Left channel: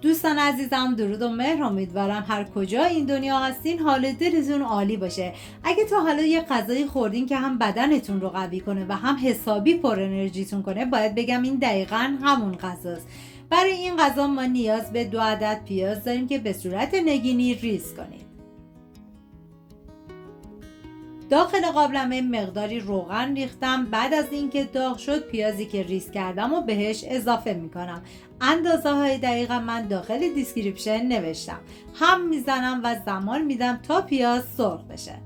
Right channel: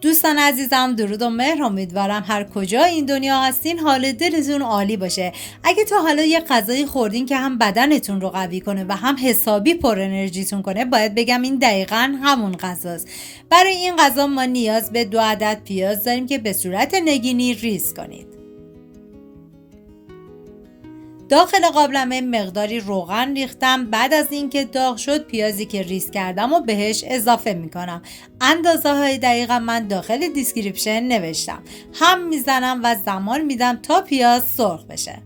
دوستان عزیزم، درود و مهر. امیدوارم هر کجا این دنیا هستین حال دلتون عالی باشه. اگه تا حالا یه غذایی خوردین که هم بدنتون رو قوی کنه و هم حسابی پر انرژیتون کنه، باید بگم این دقیقاً همون غذاست. برای این غذا ما نیاز به 2 عدد پیاز داریم که به صورت نگینی ریز کنید. داخل قابلمه مقداری روغن ریختم. بعد از اینکه داغ شد پیازی که ریز کردم و بهش اضافه میکنم. اندازه های دقیقا من داخل دیسکریپشن نوشتم. هم میزنم و زمان میدم تا پیاز سرخ بشه.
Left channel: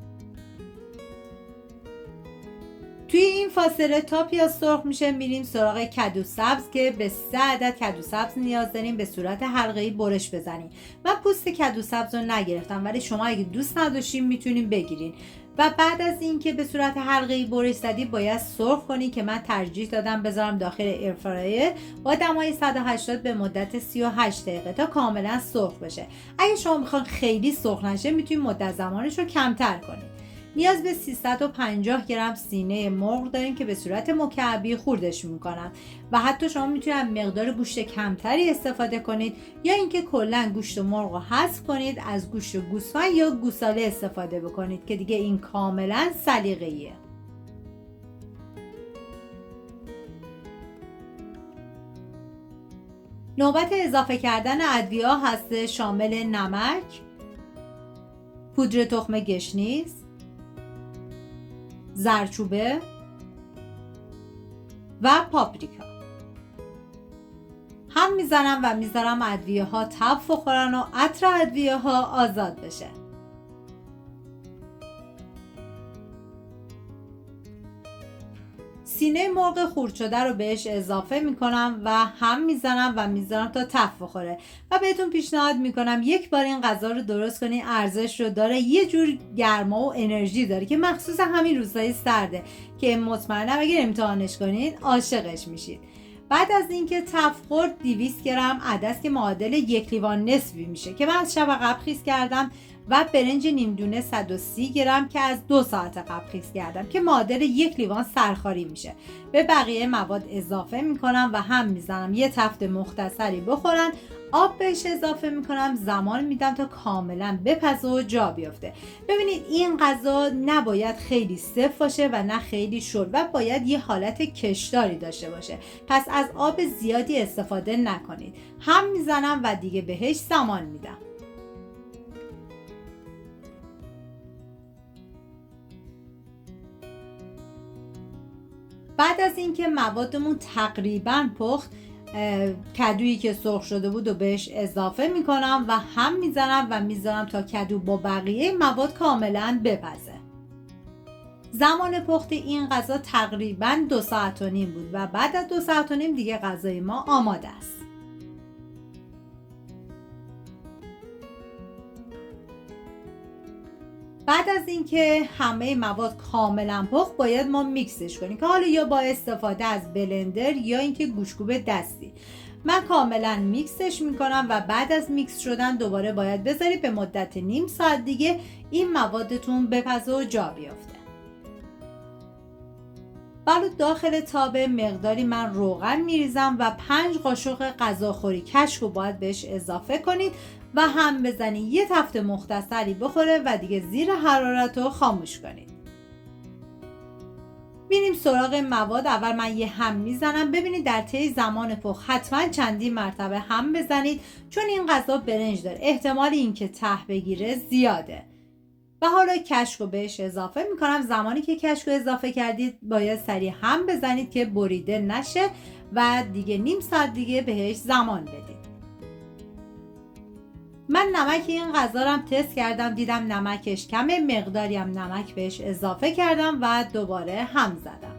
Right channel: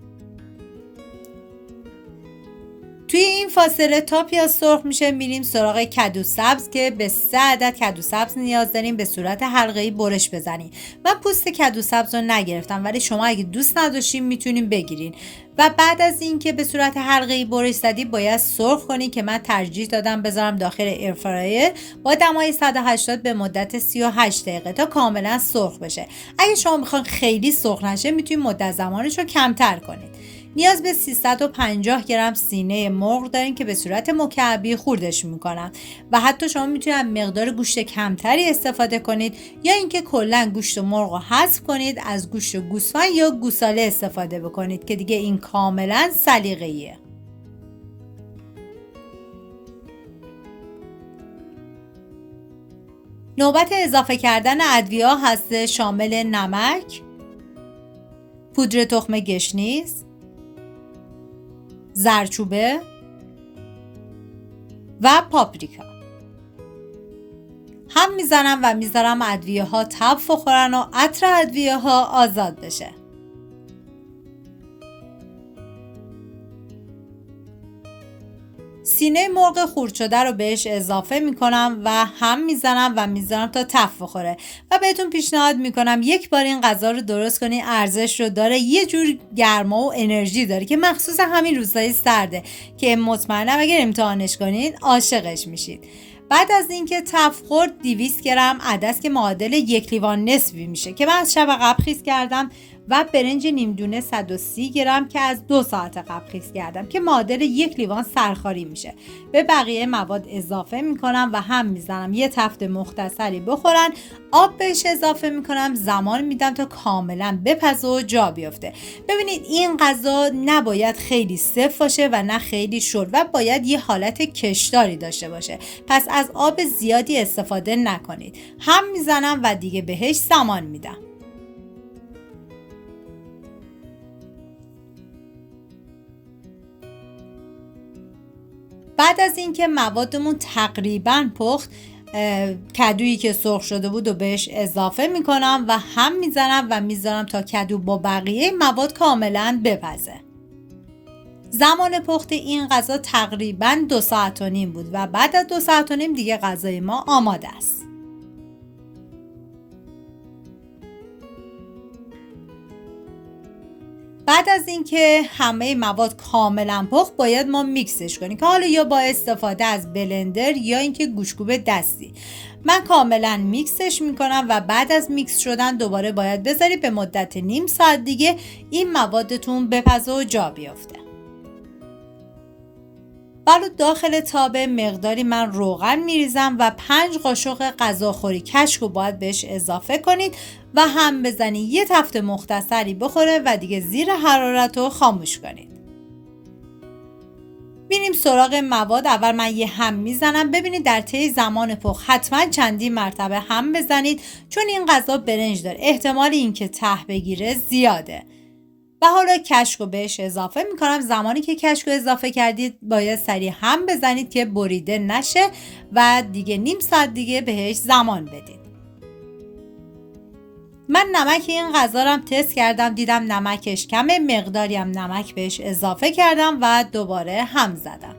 توی این فاصله تا پیاز سرخ میشه میریم سراغ کدو سبز که به 3 عدد کدو سبز نیاز داریم به صورت حلقه‌ای برش بزنیم. من پوست کدو سبز رو نگرفتم، ولی شما اگه دوست نداشتین میتونین بگیرین. و بعد از اینکه به صورت حلقه‌ای برش زدی باید سرخ کنی که من ترجیح دادم بذارم داخل ایرفرایر با دمای 180 به مدت 38 دقیقه تا کاملا سرخ بشه. اگه شما میخوان خیلی سرخ نشه میتونید مدت زمانش رو کمتر کنید. نیاز به 350 گرم سینه مرغ دارین که به صورت مکعبی خوردش میکنم و حتی شما میتونید مقدار گوشت کمتری استفاده کنید یا اینکه کلا گوشت مرغ رو حذف کنید، از گوشت گوسفند یا گوساله استفاده بکنید که دیگه این کاملا سلیقه‌ایه. نوبت اضافه کردن ادویه هست، شامل نمک، پودر تخم گشنیز، زردچوبه و پاپریکا. هم میزنم و میذارم ادویه ها تب بخورن و عطر ادویه ها آزاد بشه. سینه مرغ خورد شده رو بهش اضافه میکنم و هم میزنم و میذارم تا تف بخوره و بهتون پیشنهاد میکنم یک بار این غذا رو درست کنین. ارزش رو داره، یه جور گرما و انرژی داره که مخصوص همین روزهای سرده که مطمئنم اگر امتحانش کنید عاشقش میشید. بعد از اینکه تف خورد 200 گرم عدس که معادل 1 لیوان نصفی میشه که من از شب قبل خیس کردم و برنج نیم دونه 130 گرم که از 2 ساعت قبل خیس کردم که معادل 1 لیوان سرخاری میشه. به بقیه مواد اضافه میکنم و هم میزنم یه تفت مختصری بخورن. آب بهش اضافه میکنم، زمان میدم تا کاملا بپزه و جا بیفته. ببینید این غذا نباید خیلی سفت باشه و نه خیلی شل و باید یه حالت کشداری داشته باشه، پس از آب زیادی استفاده نکنید. هم میزنم و دیگه بهش زمان میدم. بعد از اینکه موادمون تقریبا پخت، کدویی که سرخ شده بود و بهش اضافه میکنم و هم میزنم و میذارم تا کدو با بقیه مواد کاملا بپزه. زمان پخت این غذا تقریبا 2 ساعت و نیم بود و بعد از 2 ساعت و نیم دیگه غذای ما آماده است. بعد از اینکه همه مواد کاملا پخت باید ما میکسش کنیم که حالا یا با استفاده از بلندر یا اینکه گوشت‌کوب دستی. من کاملا میکسش میکنم و بعد از میکس شدن دوباره باید بذارید به مدت نیم ساعت دیگه این موادتون بپزه و جا بیافته. بعد داخل تابه مقداری من روغن میریزم و 5 قاشق غذاخوری کشک رو باید بهش اضافه کنید و هم بزنید یه تفت مختصری بخوره و دیگه زیر حرارت رو خاموش کنید. بینیم سراغ مواد. اول من یه هم میزنم. ببینید در طی زمان پخت حتما چندین مرتبه هم بزنید چون این غذا برنج داره، احتمال اینکه ته بگیره زیاده. و حالا کشک رو بهش اضافه میکنم. زمانی که کشک رو اضافه کردید باید سریع هم بزنید که بریده نشه و دیگه نیم ساعت دیگه بهش زمان بدید. من نمک این غذا رو هم تست کردم، دیدم نمکش کمه، مقداری هم نمک بهش اضافه کردم و دوباره هم زدم.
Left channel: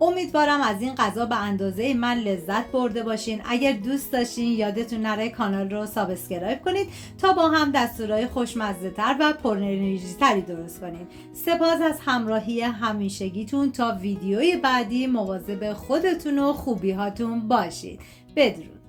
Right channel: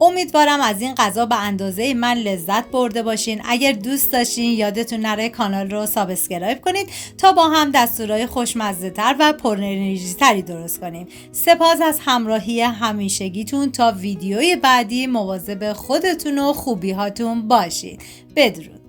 امیدوارم از این غذا به اندازه من لذت برده باشین. اگر دوست داشتین یادتون نره کانال رو سابسکرایب کنید تا با هم دستورهای خوشمزه تر و پر انرژی تری درست کنیم. سپاس از همراهی همیشگیتون. تا ویدیوی بعدی مواظب خودتون و خوبی هاتون باشید. بدرود.